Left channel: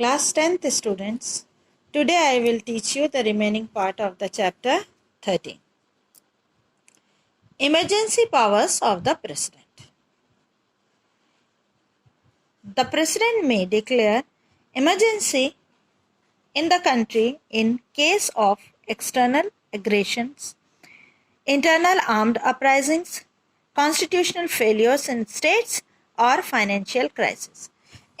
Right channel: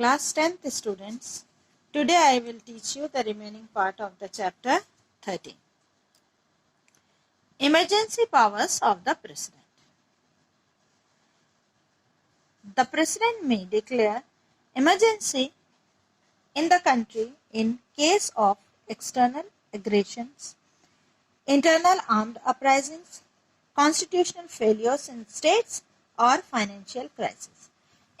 Class 10th students, today I will teach you the remaining part of the chapter 13. Emergency powers of the President. The President may declare emergency in the country in case of external aggressions, internal armed uprisings, constitutional failures in states और financial crisis.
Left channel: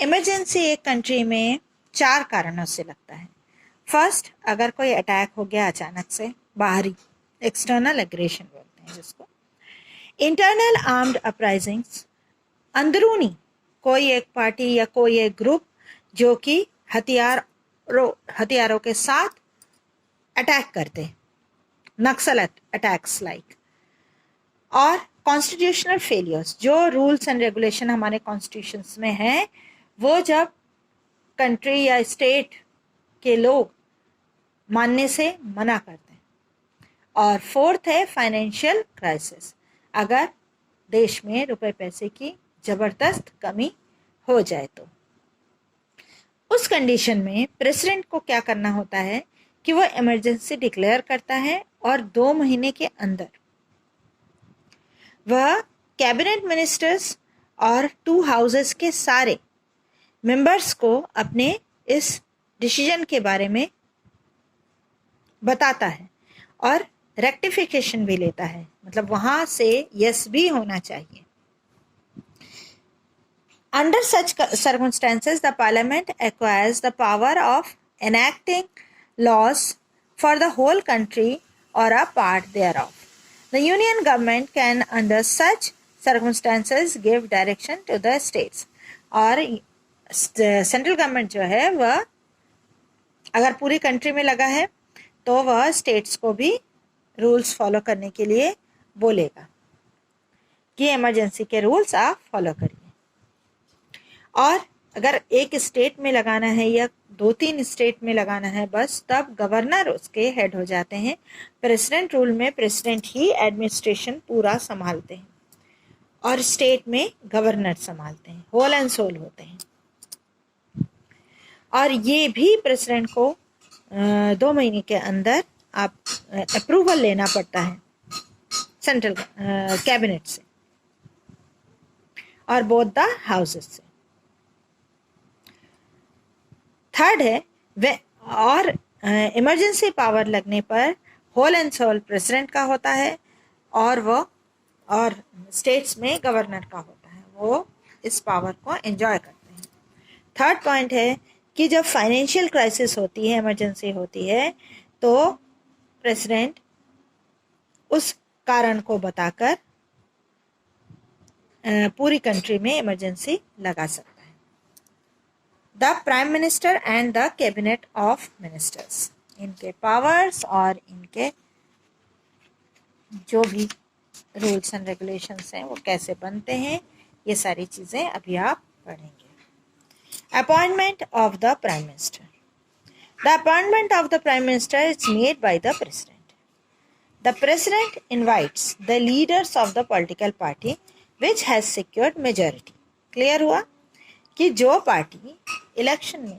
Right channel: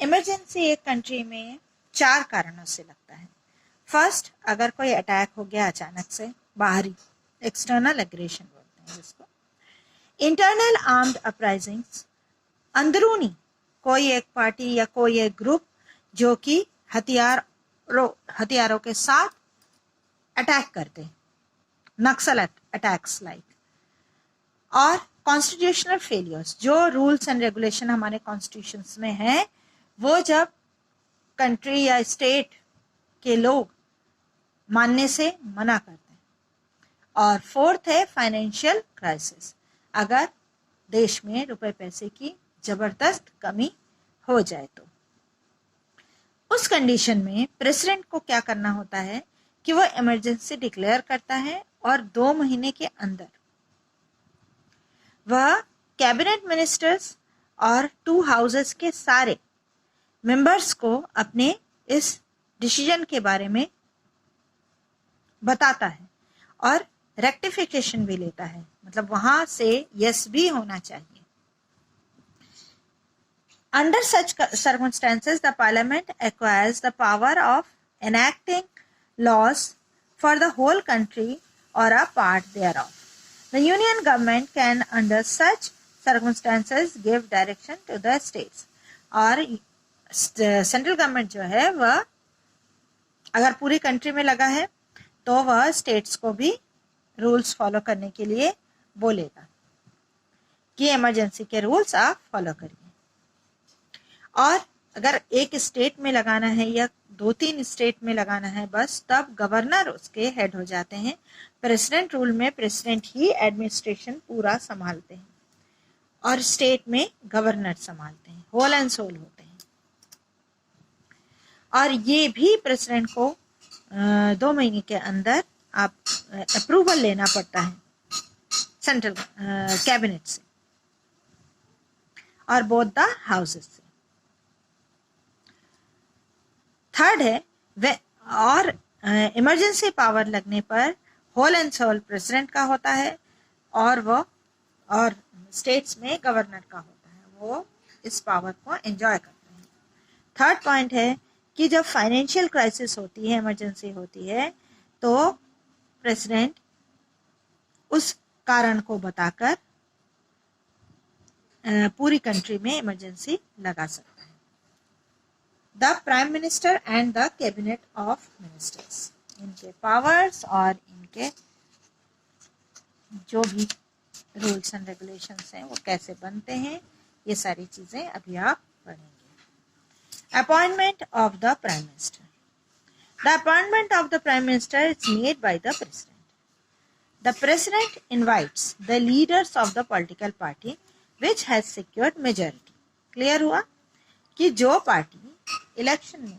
Emergency एक country में 4 कारणों से लगता है. First, अगर कोई attack हो गया अचानक से, बाहरी एक्सटर्नल एग्रेशन बोलते हैं जिसको. इंटरनल आर्म्ड अपराइजिंग्स, अंदरूनी कोई एक पार्टी या कोई एक ग्रुप जो कि हथियारों के साथ अटैक करते, नक्सल अटैक्स लाइक. और कॉन्स्टिट्यूशनल फेलियर्स, जो रूल्स एंड रेगुलेशन हमारे कॉन्स्टिट्यूशंस में है वो जब कंट्री या स्टेट के लोग मानने से मना करते हैं. और फोर्थ है फाइनेंशियल क्राइसिस, अगर देश में रुपए पैसे की जबरदस्त कमी हो जाए तो. उस कंडीशन में प्रेसिडेंट को क्या करना होता है कि वह इमरजेंसी डिक्लेयर करता है और 2 महीने के अंदर वह कैबिनेट मिनिस्टर्स और 2 हाउसेस के सारे मेंबर्स को अपने इस डिसीजन के बारे में बताता है और रेक्टिफिकेशन भी लेता है, मतलब वहां से यस भी होना चाहिए. Under such circumstances, the Parliament acquires the power of enacting laws for the whole country or a part thereof. The Union government can, under such circumstances, give direction to the states. और central government जो है वह अगर पूरी country में लगा है तो वह स्टेट्स को भी रूल्स फॉलो करने के लिए बोलेगा कि इमरजेंसी के रूल्स आप फॉलो करिए. और अगर एक स्टेट में लगाना है या 2-3 स्टेट में लगाना है बस, तब गवर्नर उसके हेड हो जाते हैं. प्रेसिडेंट रूल में प्रेसिडेंट ही एडमिनिस्ट्रेशन पूरा संभालते हैं और स्टेट में गवर्नर संभालते हैं, होल एंड सोल होते हैं. और ये भी प्रेसिडेंट को 2 महीने के अंदर आप अप्रूवल लेना पड़ता है सेंट्रल कैबिनेट से और बोथ द हाउसेस से. थर्ड है और इमरजेंसी पावर लगने पर होल एंड सोल प्रेसिडेंट का होता है और स्टेट्स में गवर्नर का होता है, वो इस पावर को एंजॉय करते हैं. थर्ड पॉइंट है कि जब फाइनेंशियल क्राइसिस होती है, इमरजेंसी होती है, तो प्रेसिडेंट उस कारण को बताकर पूरी कंट्री में इमरजेंसी लगा सकता है. The prime minister and the cabinet of ministers, इनके पावर्स और इनके जो भी रूल्स एंड रेगुलेशंस हैं वो कैसे बनते हैं, ये सारी चीजें अभी आप पढ़ेंगे. Appointment of the Prime Minister. The appointment of the Prime Minister is made by the President. The President invites the leaders of the political party which has secured majority. Clear हुआ कि जो पार्टी इलेक्शन में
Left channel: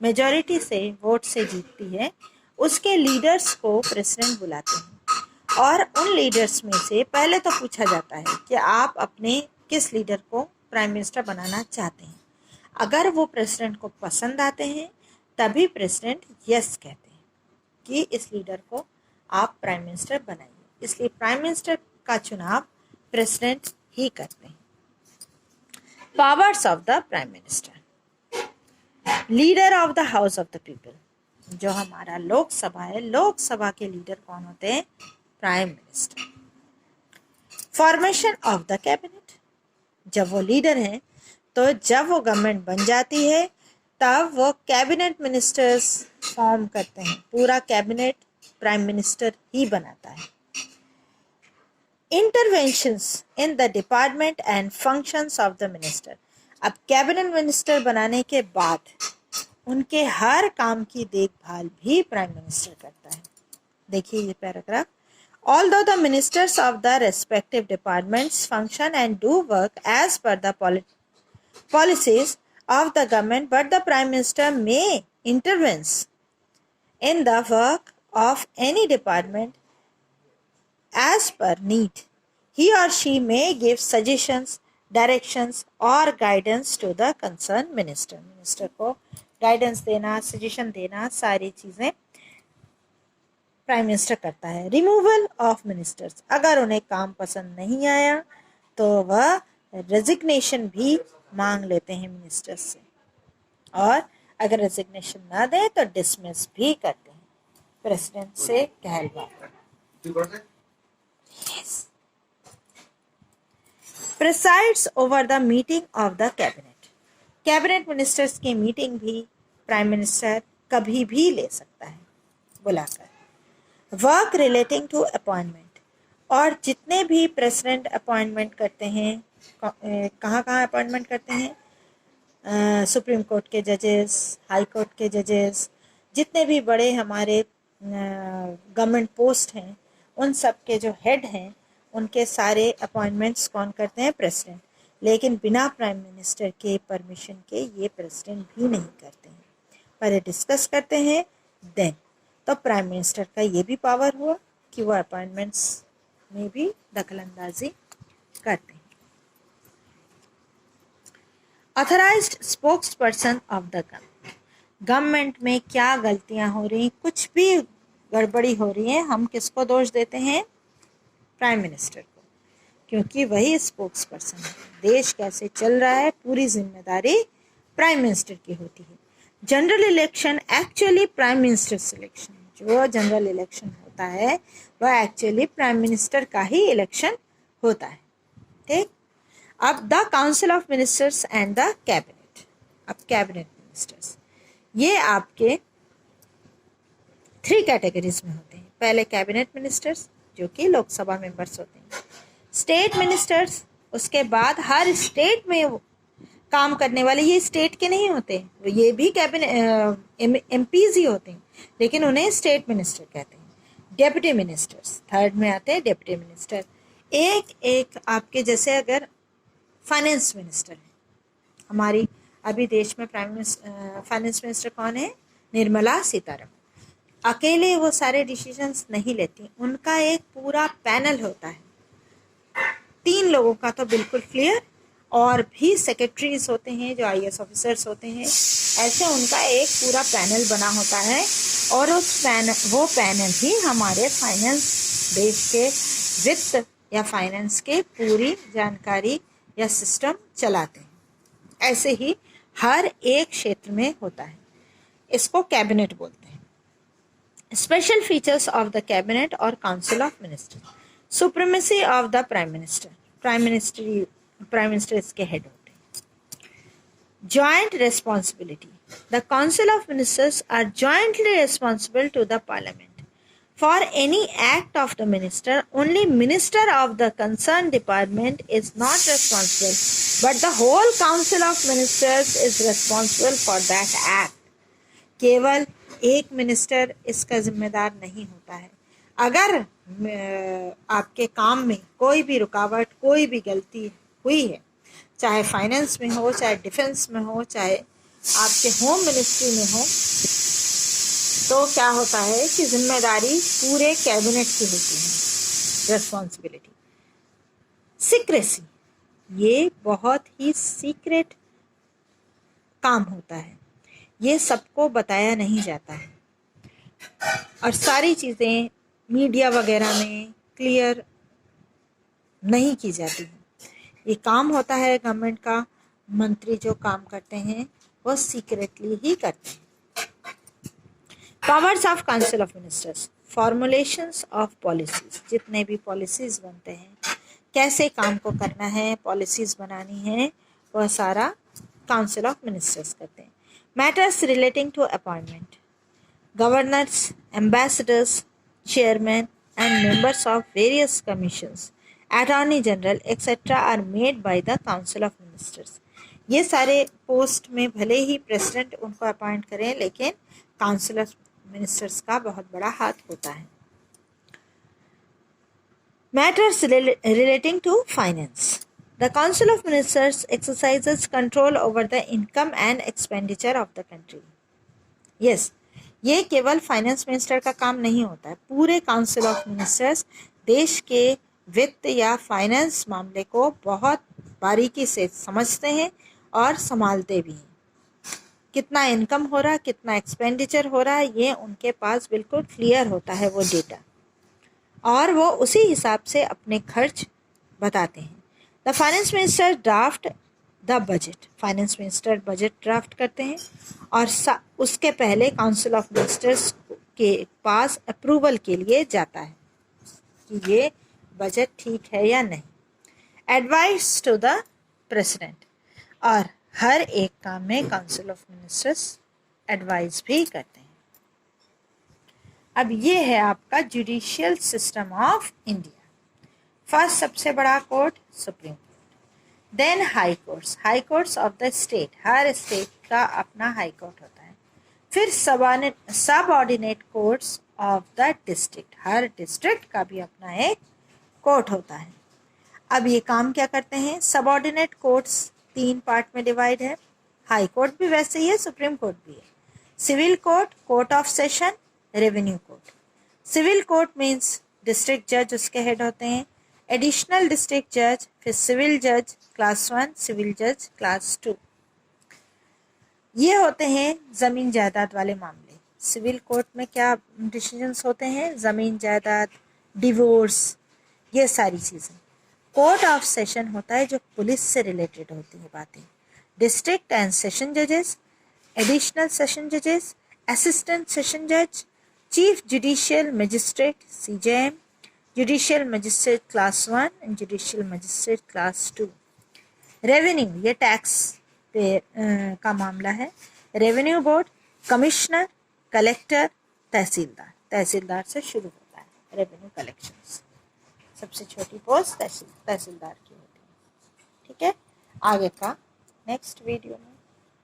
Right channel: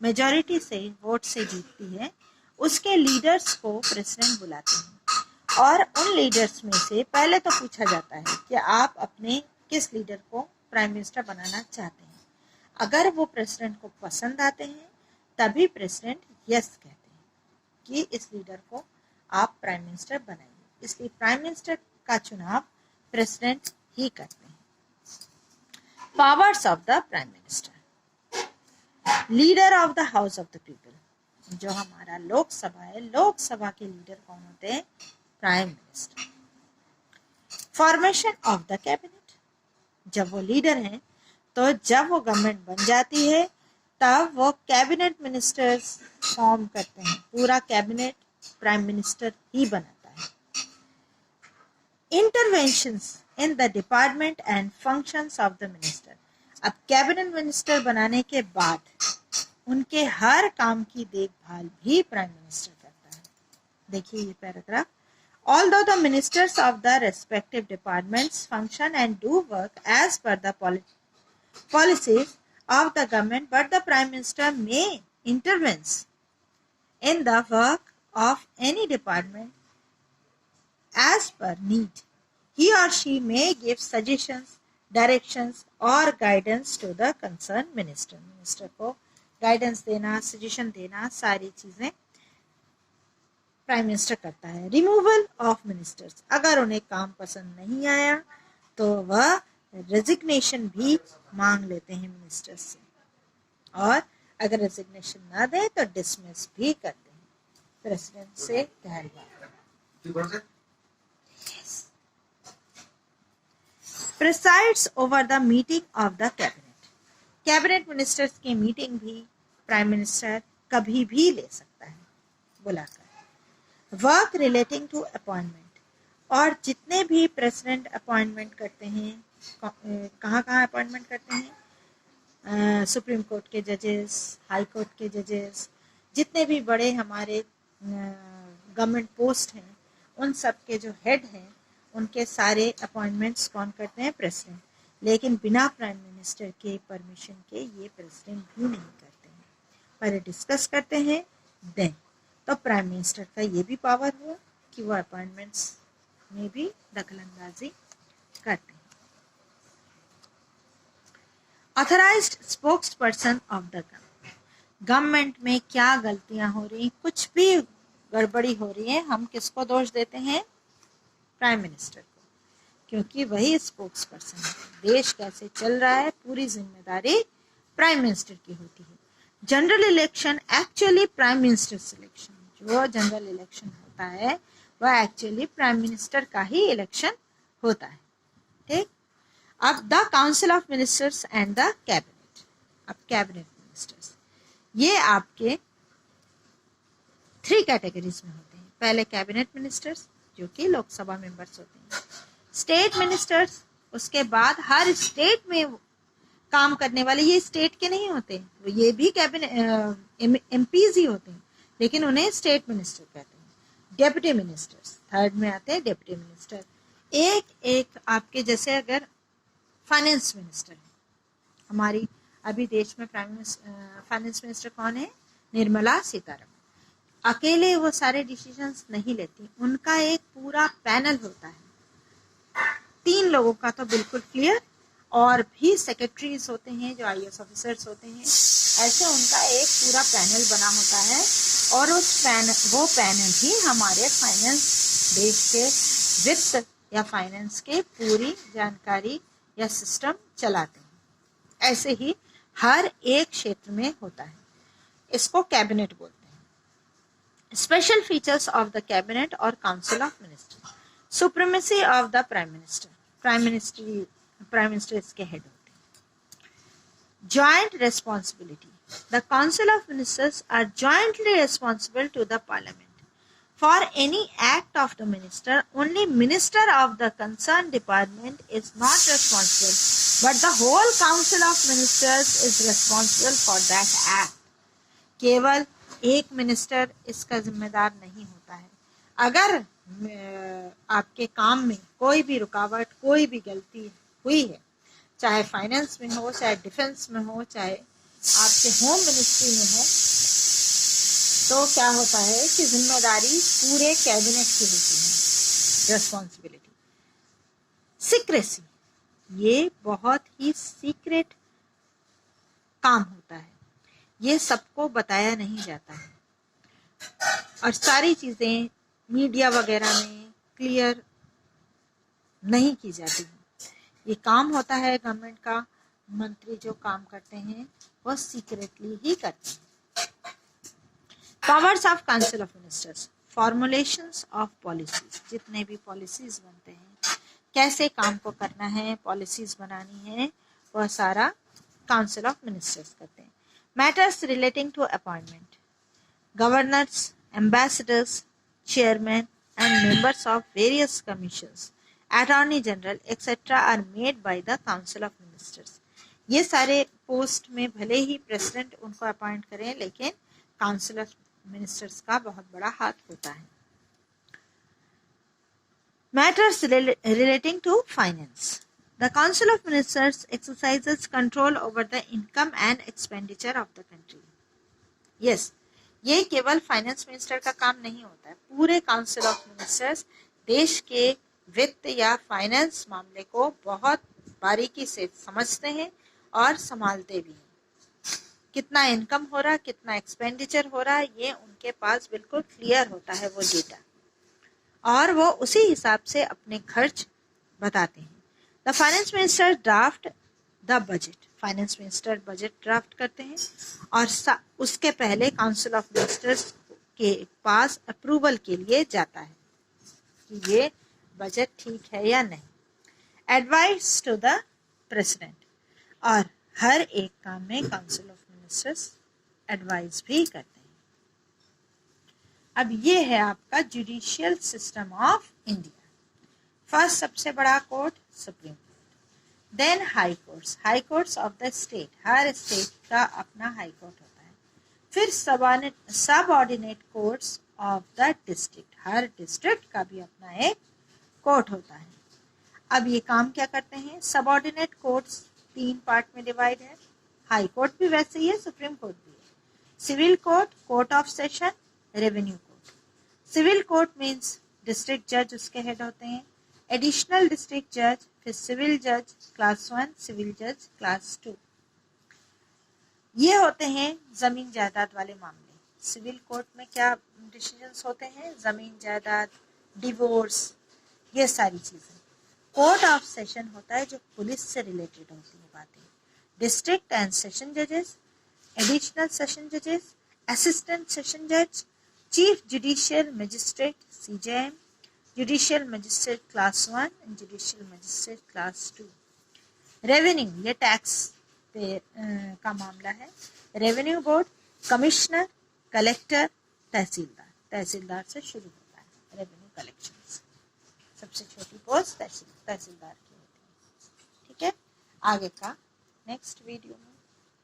majority से vote से जीतती है उसके leaders को प्रेसिडेंट बुलाते हैं और उन लीडर्स में से पहले तो पूछा जाता है कि आप अपने किस लीडर को प्राइम मिनिस्टर बनाना चाहते हैं. अगर वो प्रेसिडेंट को पसंद आते हैं तभी प्रेसिडेंट यस कहते हैं कि इस लीडर को आप प्राइम मिनिस्टर बनाइए. इसलिए प्राइम मिनिस्टर का चुनाव प्रेसिडेंट ही करते हैं. Powers of the prime minister. Leader of the house of the people, जो हमारा लोकसभा है, लोकसभा के लीडर कौन होते हैं? Prime minister. Formation of the cabinet, जब वो लीडर है तो जब वो गवर्नमेंट बन जाती है तब वो कैबिनेट मिनिस्टर्स फॉर्म करते हैं. पूरा कैबिनेट प्राइम मिनिस्टर ही बनाता है. Interventions in the department and functions of the minister. अब कैबिनेट मिनिस्टर बनाने के बाद उनके हर काम की देखभाल भी प्राइम मिनिस्टर करता है. देखिए ये paragraph. Although the ministers of the respective departments function and do work as per the policies of the government, but the Prime Minister may intervene in the work of any department as per need. He or she may give suggestions, directions or guidance to the concerned minister. Minister को guidance देना, suggestion देना, सारी चीजें prime minister करता है. Removal of ministers, अगर उन्हें काम पसंद नहीं आया तो वह रेजिग्नेशन भी मांग लेते हैं मिनिस्टर्स से, और अगर रेजिग्नेशन ना दे तो डिसमिस भी करते हैं प्रेसिडेंट से कहलवा. Presides over the meeting of the cabinet, cabinet ministers की मीटिंग भी प्राइम मिनिस्टर कभी भी ले सकता है बुलाकर. वर्क रिलेटिंग टू अपॉइंटमेंट, और जितने भी प्रेसिडेंट अपॉइंटमेंट करते हैं, कहाँ कहाँ अपॉइंटमेंट करते हैं, सुप्रीम कोर्ट के जजेस, हाई कोर्ट के जजेस, जितने भी बड़े हमारे गवर्नमेंट पोस्ट हैं, उन सब के जो हेड हैं उनके सारे अपॉइंटमेंट्स कौन करते हैं, प्रेसिडेंट. लेकिन बिना प्राइम मिनिस्टर के परमिशन के ये प्रेसिडेंट भी नहीं करते हैं, पहले डिस्कस करते हैं देन. तो प्राइम मिनिस्टर का ये भी पावर हुआ कि वो अपॉइंटमेंट्स में भी दखलंदाजी करते हैं. Authorised spokes person of the government, government में क्या गलतियां हो रही, कुछ भी गड़बड़ी हो रही है, हम किसको दोष देते हैं, प्राइम मिनिस्टर को, क्योंकि वही स्पोक्स पर्सन है. देश कैसे चल रहा है पूरी जिम्मेदारी प्राइम मिनिस्टर की होती है. General election actually prime minister selection, जो जनरल इलेक्शन होता है वह एक्चुअली प्राइम मिनिस्टर का ही इलेक्शन होता है. ठीक. अब the council of ministers and the cabinet, अब कैबिनेट मिनिस्टर्स ये आपके 3 कैटेगरीज में होते हैं. पहले कैबिनेट मिनिस्टर्स जो कि लोकसभा मेंबर्स होते हैं, स्टेट मिनिस्टर्स, उसके बाद हर स्टेट में काम करने वाले, ये स्टेट के नहीं होते, ये भी कैबिनेट एमपीज ही होते हैं, लेकिन उन्हें स्टेट मिनिस्टर कहते हैं. डेप्यूटी मिनिस्टर्स थर्ड में आते हैं. डेप्यूटी मिनिस्टर एक एक आपके, जैसे अगर फाइनेंस मिनिस्टर है, हमारी अभी देश में फाइनेंस मिनिस्टर कौन है, निर्मला सीतारमण. अकेले वो सारे डिसीजंस नहीं लेती, उनका एक पूरा पैनल होता है, 3 लोगों का तो बिल्कुल क्लियर, और भी सेक्रेटरीज होते हैं जो आईएएस ऑफिसर्स होते हैं. ऐसे उनका एक पूरा पैनल बना होता है, और वो पैनल ही हमारे फाइनेंस, देश के वित्त या फाइनेंस के पूरी जानकारी या सिस्टम चलाते हैं. ऐसे ही हर एक क्षेत्र में होता है. इसको कैबिनेट बोलते हैं. Special features of the cabinet और council of ministers, supremacy of the prime minister, prime minister इसके हेड होते हैं. Joint responsibility, the council of ministers are jointly responsible to the parliament for any act of the minister. Only minister of the concern department is not responsible, but the whole council of ministers is responsible for that act. केवल एक minister इसका जिम्मेदार नहीं होता है. अगर आपके काम में कोई भी रुकावट, कोई भी गलती हुई है, चाहे फाइनेंस में हो, चाहे डिफेंस में हो, चाहे आपके होम मिनिस्ट्री में हो, तो क्या होता है कि जिम्मेदारी पूरे कैबिनेट की होती है, रिस्पॉन्सिबिलिटी. सीक्रेसी, ये बहुत ही सीक्रेट काम होता है, ये सबको बताया नहीं जाता है, और सारी चीज़ें मीडिया वगैरह में क्लियर नहीं की जाती हैं. ये काम होता है गवर्नमेंट का, मंत्री जो काम करते हैं वो सीक्रेटली ही करते हैं. Powers of council of ministers, formulations of policies, जितने भी पॉलिसीज बनते हैं, कैसे काम को करना है, पॉलिसीज बनानी है, वह सारा काउंसिल ऑफ मिनिस्टर्स करते हैं. Matters relating to appointment, governors, ambassadors, chairmen and members of various commissions, attorney general etc. are made by the council of ministers. ये सारे पोस्ट में भले ही प्रेसिडेंट उनको अपॉइंट करें, लेकिन काउंसिल ऑफ मिनिस्टर्स का बहुत बड़ा हाथ होता है. Matters relating to finance, The Council of Ministers exercises control over the income and expenditure of the country. Yes, ये केवल फाइनेंस मिनिस्टर का काम नहीं होता है, पूरे काउंसिल ऑफ मिनिस्टर्स देश के वित्त या फाइनेंस मामले को बहुत बारीकी से समझते हैं और संभालते भी हैं। कितना इनकम हो रहा, कितना एक्सपेंडिचर हो रहा, ये उनके पास बिल्कुल क्लियर होता है वो डेटा, और वो उसी हिसाब से अपने खर्च बताते हैं। The finance minister draft the budget, finance minister budget draft करते हैं और उसके पहले काउंसिल ऑफ मिनिस्टर्स के पास अप्रूवल के लिए जाता है कि ये बजट ठीक है या नहीं। एडवाइस टू द प्रेसिडेंट, और हर एक काम में काउंसिल ऑफ मिनिस्टर्स एडवाइस भी करते हैं। अब ये है आपका judicial system of India. First सबसे बड़ा court Supreme Court, then High Courts, High Courts of the state, हर स्टेट का अपना हाई कोर्ट होता है। फिर subordinate courts of the district, हर डिस्ट्रिक्ट का भी अपना एक कोर्ट होता है। अब ये काम क्या करते हैं? सब ऑर्डिनेट कोर्ट्स 3 पार्ट में डिवाइड है। हाई कोर्ट भी वैसे ही है, सुप्रीम कोर्ट भी है। Civil court, court of session, revenue court. Civil court means district जज उसके हेड होते हैं, एडिशनल डिस्ट्रिक्ट जज, फिर सिविल जज क्लास 1, सिविल जज क्लास 2। ये होते हैं जमीन जायदाद वाले मामले। सिविल कोर्ट में क्या डिसीजंस होते हैं? जमीन जायदाद, डिवोर्स, ये सारी चीजें। कोर्ट ऑफ सेशन होता है जो पुलिस से रिलेटेड होती है बातें। डिस्ट्रिक्ट एंड सेशन जजेस, एडिशनल सेशन जजेस, असिस्टेंट सेशन जज, chief judicial magistrate CJM, judicial magistrate class 1 and judicial magistrate class 2। Revenue, ये टैक्स पे का मामला है। रेवेन्यू बोर्ड, कमिश्नर, कलेक्टर, तहसीलदार, तहसीलदार से शुरू होता है रेवेन्यू कलेक्शंस। सबसे छोटी पोस्ट तहसीलदार की होती है। ठीक है, आगे का नेक्स्ट वीडियो में